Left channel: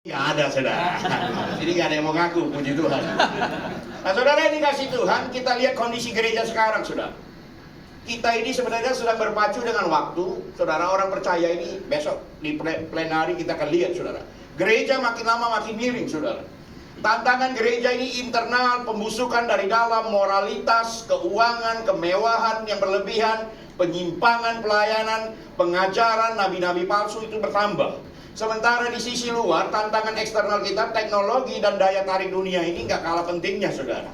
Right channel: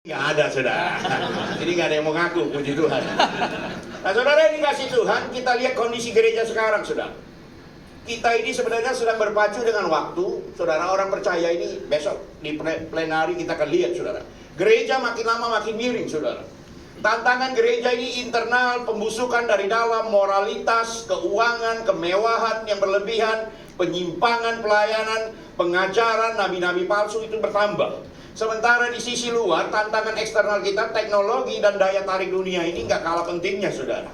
Nggak ada, saudara. Jadi nggak ada yang mau ngaku, puji Tuhan. Nah, saudara, ini kasih Tuhan, kita lihat kondisi gereja sekarang, saudara. Kita ini sebenarnya sedang berpacu dengan waktu. Saudara, orang percaya ini besok di plenari kita akan lihat, saudara. Gereja makin lama makin miring, saudara. Tantangan gereja ini internal, pembusukan dari dalam, moralitas, keuangan, kemewahan yang berlebihan, penyimpangan pelayanan, pengajaran, nabi-nabi palsu itu bertambah. Sementara di sisi luar, tantangan eksternal kita, teknologi dan daya tarik dunia ini nggak kalah pentingnya, saudara.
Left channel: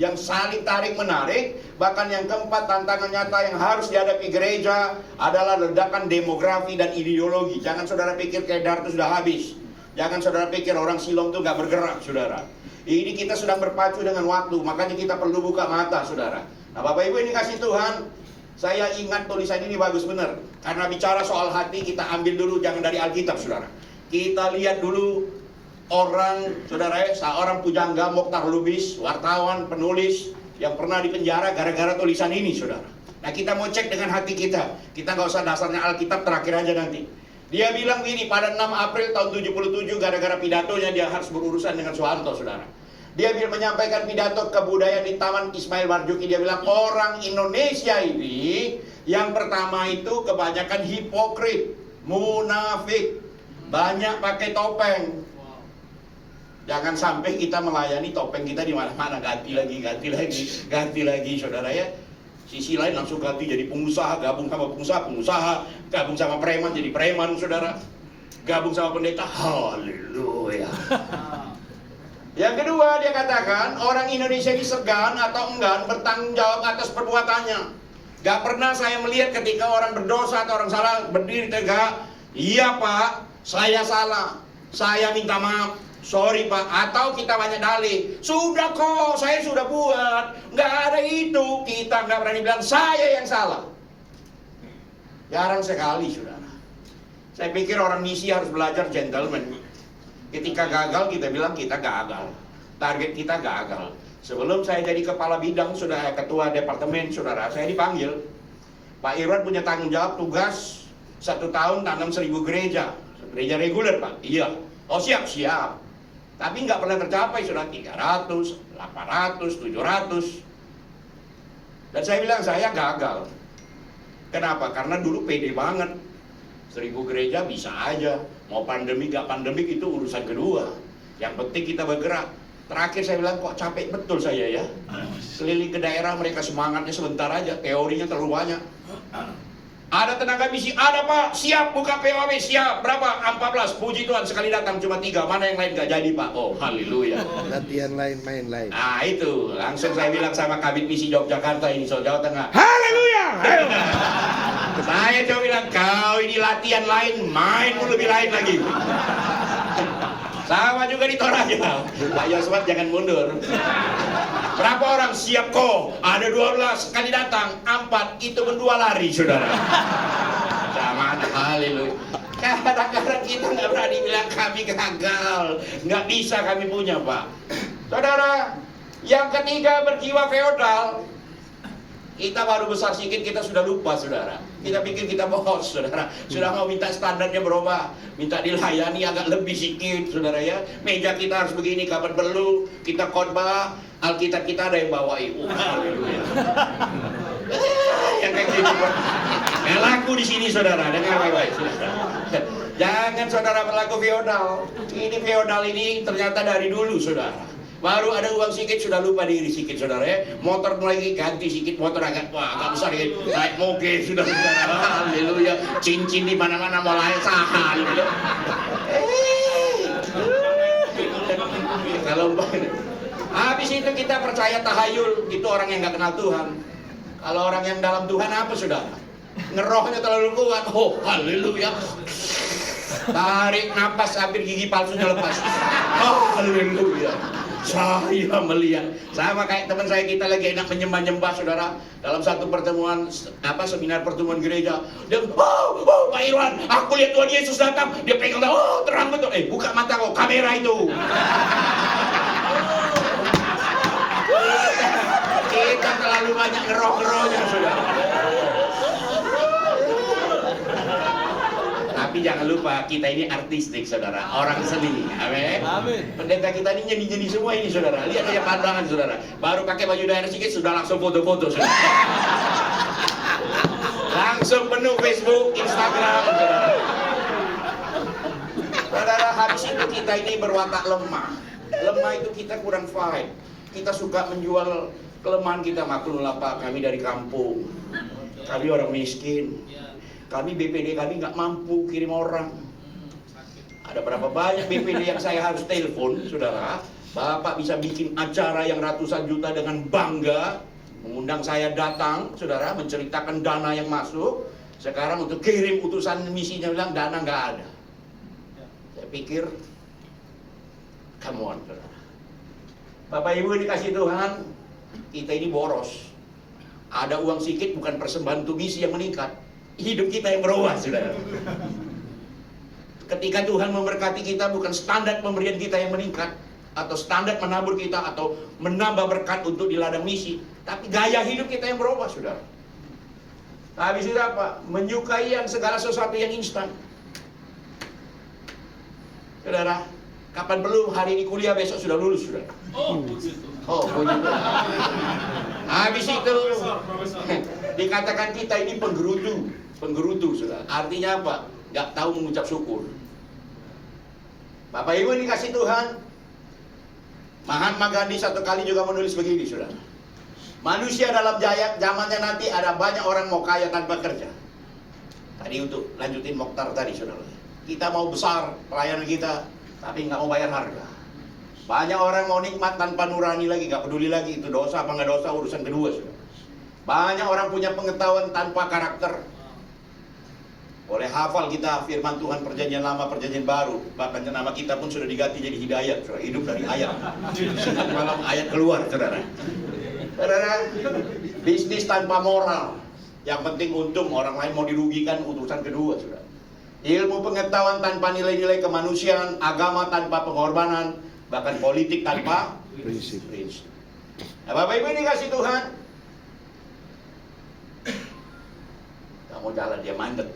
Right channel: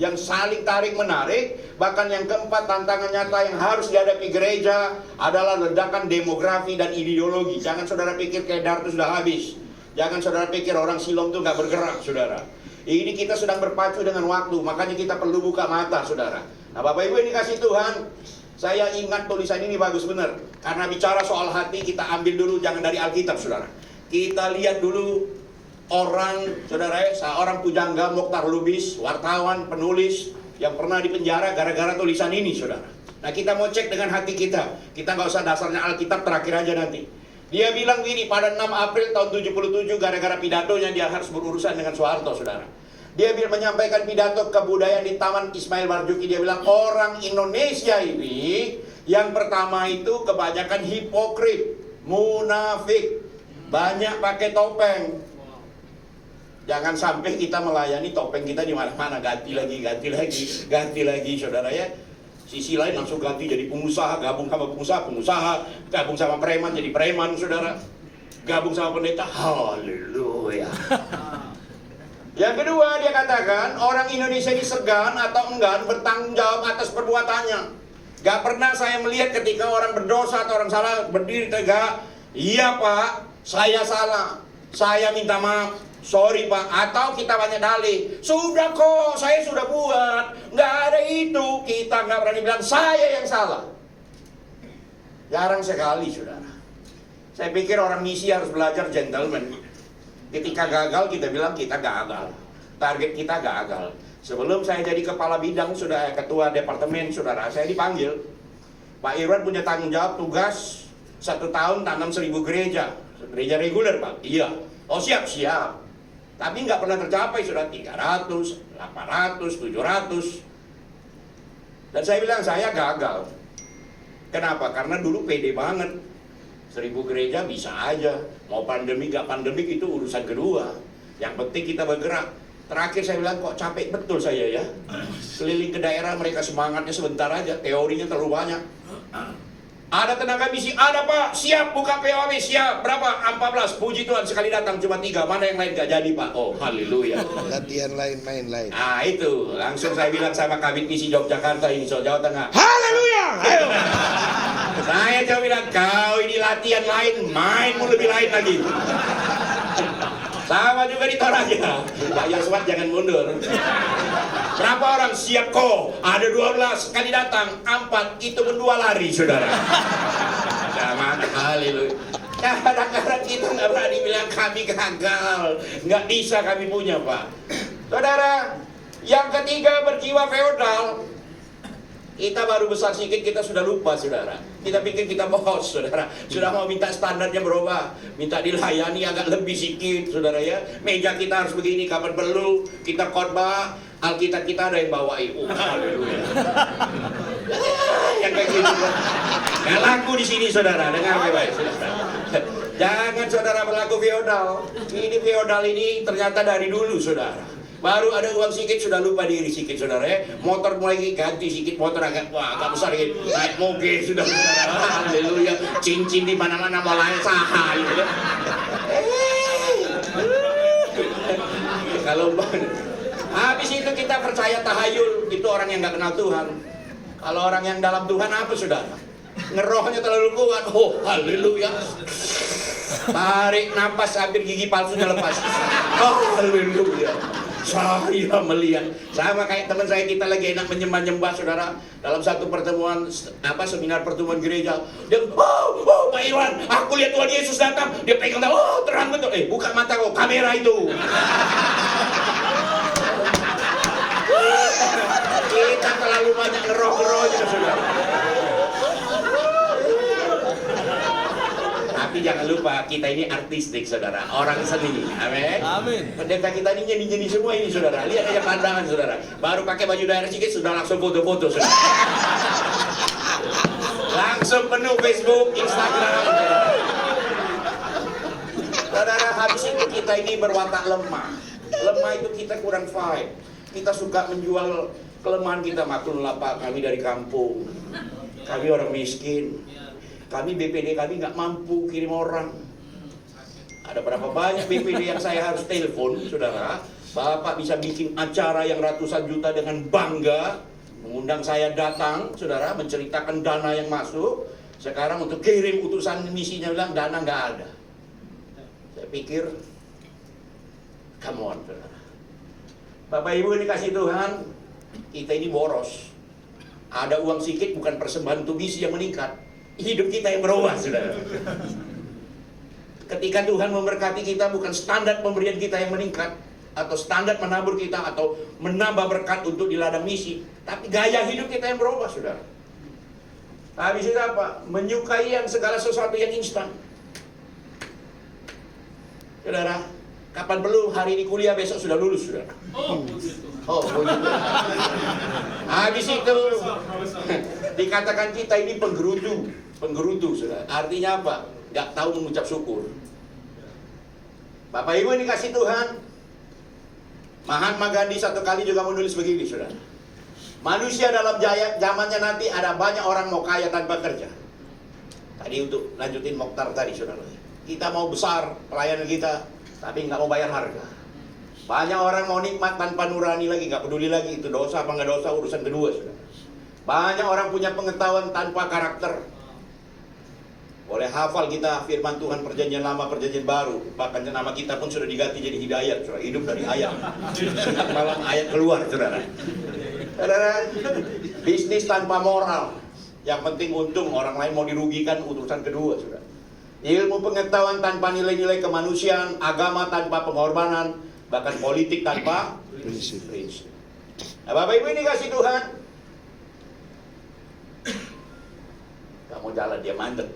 Yang saling tarik-menarik, bahkan yang keempat, tantangan nyata yang harus dihadapi gereja adalah ledakan demografi dan ideologi. Jangan saudara pikir kedar itu sudah habis. Jangan saudara pikir orang Silom itu nggak bergerak, saudara. Ini kita sedang berpacu dengan waktu, makanya kita perlu buka mata, saudara. Nah, Bapak Ibu, ini kasih Tuhan. Saya ingat tulisan ini bagus benar. Karena bicara soal hati, kita ambil dulu, jangan dari Alkitab, saudara. Kita lihat dulu orang, saudara, seorang pujangga Mokhtar Lubis, wartawan, penulis yang pernah dipenjara gara-gara tulisan ini, saudara. Nah, kita mau cek dengan hati kita. Kita nggak usah dasarnya Alkitab, terakhir aja nanti. Dia bilang gini, pada 6 April tahun 77, gara-gara pidatonya dia harus berurusan dengan Soeharto, saudara. Dia menyampaikan pidato kebudayaan di Taman Ismail Marzuki. Dia bilang, orang Indonesia ini yang pertama itu kebanyakan hipokrit, munafik, banyak pakai topeng. Jangan sampai kita melayani topeng kita di mana-mana, ganti lagi, saudara ya. Sisi lain langsung ganti jadi pengusaha, gabung sama pengusaha, gabung sama preman jadi preman, saudara. Gabung sama pendeta, haleluya. Yang kedua, dia katakan orang Indonesia ini segan atau enggan bertanggung jawab atas perbuatannya. Gak pernah saya melihat ketika orang berdosa atau orang salah berdiri tegak, iya Pak, saya salah, saya minta maaf, sorry Pak. Atau kita banyak dalih, sudah kok, saya sudah buat, gak ada itu. Kita gak berani bilang saya yang salah. Jarang sekali, saudara. Saya pikir orang misi harus belajar gentleman. Ketika gagal, kita bilang kita gagal. Target kita gagal. Sebelum saya jadi kepala bidang, sudah ketua departemen, saudara, saya dipanggil. Pak Irwan punya tanggung jawab tugas 1 tahun tanam 1000 gereja. Gereja reguler, Pak? Iya. Oh siap. Tapi nggak pernah tercapai, sudah 300, 800, 700. Dan saya bilang, saya gagal. Kenapa? Karena dulu pede banget. 1000 gereja bisa aja. Mau pandemi gak pandemik itu urusan kedua. Yang penting kita bergerak. Terakhir saya bilang, kok capek betul saya ya. Keliling ke daerah mereka semangatnya sebentar aja. Teorinya terlalu banyak. Ada tenaga misi, ada Pak, siap buka POW, siap. Berapa? 14, puji Tuhan, sekali datang cuma 3. Mana yang lain gak jadi Pak? Oh haleluya. Latihan lain, main lain. Nah itu, langsung saya bilang sama Kabid Misi Yogyakarta ini, Jawa Tengah. Haleluya. Ayo. Saya coba bilang, kau ini latihan lain, mainmu lebih lain lagi. Sama juga di Toraja. Pak Yoswat jangan mundur. Berapa orang siap kok? Ada 12 kali datang, 4 itu pun 2 lari, saudara. Sama, haleluya. Kadang-kadang kita nggak berani bilang kami gagal, nggak bisa kami punya Pak. Saudara, yang ketiga berjiwa feodal. Kita baru besar sedikit, kita sudah lupa, saudara. Kita pikir kita bos, saudara. Sudah mau minta standarnya berubah, minta dilayani agak lebih sedikit, saudara ya. Meja kita harus begini, kapan perlu kita khotbah, Alkitab kita ada yang bawa ibu. Yang kayak gitu. Yang laku di sini, saudara. Dengar baik-baik, saudara. Jangan saudara berlaku feodal. Ini feodal ini ternyata dari dulu, saudara. Baru ada uang sedikit sudah lupa diri sedikit, saudara ya. Motor mulai ganti sedikit, motor agak besar gitu. Naik moge sudah, saudara. Haleluya. Cincin di mana-mana mulai sahal gitu. Kalau habis itu kita percaya tahayul, itu orang yang nggak kenal Tuhan. Kalau orang yang dalam Tuhan apa, saudara? Ngerohnya terlalu kuat. Oh, haleluya. Tarik napas hampir gigi palsunya lepas. Oh, haleluya. Saya melihat, sama kayak teman saya, kita lagi enak menyembah-nyembah, saudara. Dalam satu pertemuan, seminar pertemuan gereja, dia, Pak Irwan, aku lihat Tuhan Yesus datang. Dia pegang, terang betul. Buka mata kau, kamera itu. Kita terlalu banyak ngeroh-ngerohnya, saudara. Tapi jangan lupa kita ini artistik saudara, orang seni. Amin. Amin. Pendeta kita ini nyeni-nyeni semua ini saudara. Lihat aja pandangan saudara. Baru pakai baju daerah sedikit sudah langsung foto-foto saudara. Langsung penuh Facebook, Instagram saudara. Saudara, habis itu kita ini berwatak lemah. Lemah itu kita kurang fight. Kita suka menjual kelemahan kita. Maklumlah Pak, kami dari kampung. Kami orang miskin. Kami BPD kami nggak mampu kirim orang. Ada berapa banyak BPD yang saya harus telepon, saudara. Bapak bisa bikin acara yang ratusan juta dengan bangga, mengundang saya datang, saudara, menceritakan dana yang masuk. Sekarang untuk kirim utusan misinya bilang dana nggak ada. Saya pikir, come on, saudara. Bapak Ibu dikasih Tuhan, kita ini boros. Ada uang sedikit bukan persembahan untuk misi yang meningkat. Hidup kita yang berubah, saudara. Ketika Tuhan memberkati kita, bukan standar pemberian kita yang meningkat, atau standar menabur kita, atau menambah berkat untuk di ladang misi, tapi gaya hidup kita yang berubah, saudara. Habis itu apa? Menyukai yang segala sesuatu yang instan. Saudara, kapan perlu hari ini kuliah, besok sudah lulus, saudara. Oh, begitu. Habis itu dikatakan kita ini penggerutu, saudara. Artinya apa? Gak tahu mengucap syukur. Bapak Ibu ini kasih Tuhan. Mahatma Gandhi satu kali juga menulis begini, saudara. Manusia dalam zamannya nanti ada banyak orang mau kaya tanpa kerja. Tadi untuk lanjutin Mokhtar tadi, saudara. Kita mau besar pelayanan kita, tapi nggak mau bayar harga. Banyak orang mau nikmat tanpa nurani lagi, nggak peduli lagi itu dosa apa nggak dosa, urusan kedua, saudara. Banyak orang punya pengetahuan tanpa karakter. Boleh hafal kita firman Tuhan perjanjian lama, perjanjian baru. Bahkan nama kita pun sudah diganti jadi hidayat, saudara. Hidup dari ayat. Siang malam ayat keluar, saudara. Saudara, bisnis tanpa moral. Yang penting untung, orang lain mau dirugikan, urusan kedua, saudara. Ilmu pengetahuan tanpa nilai-nilai kemanusiaan, agama tanpa pengorbanan, bahkan politik tanpa prinsip. Nah, Bapak Ibu ini kasih Tuhan. Kamu jalan dia mandek.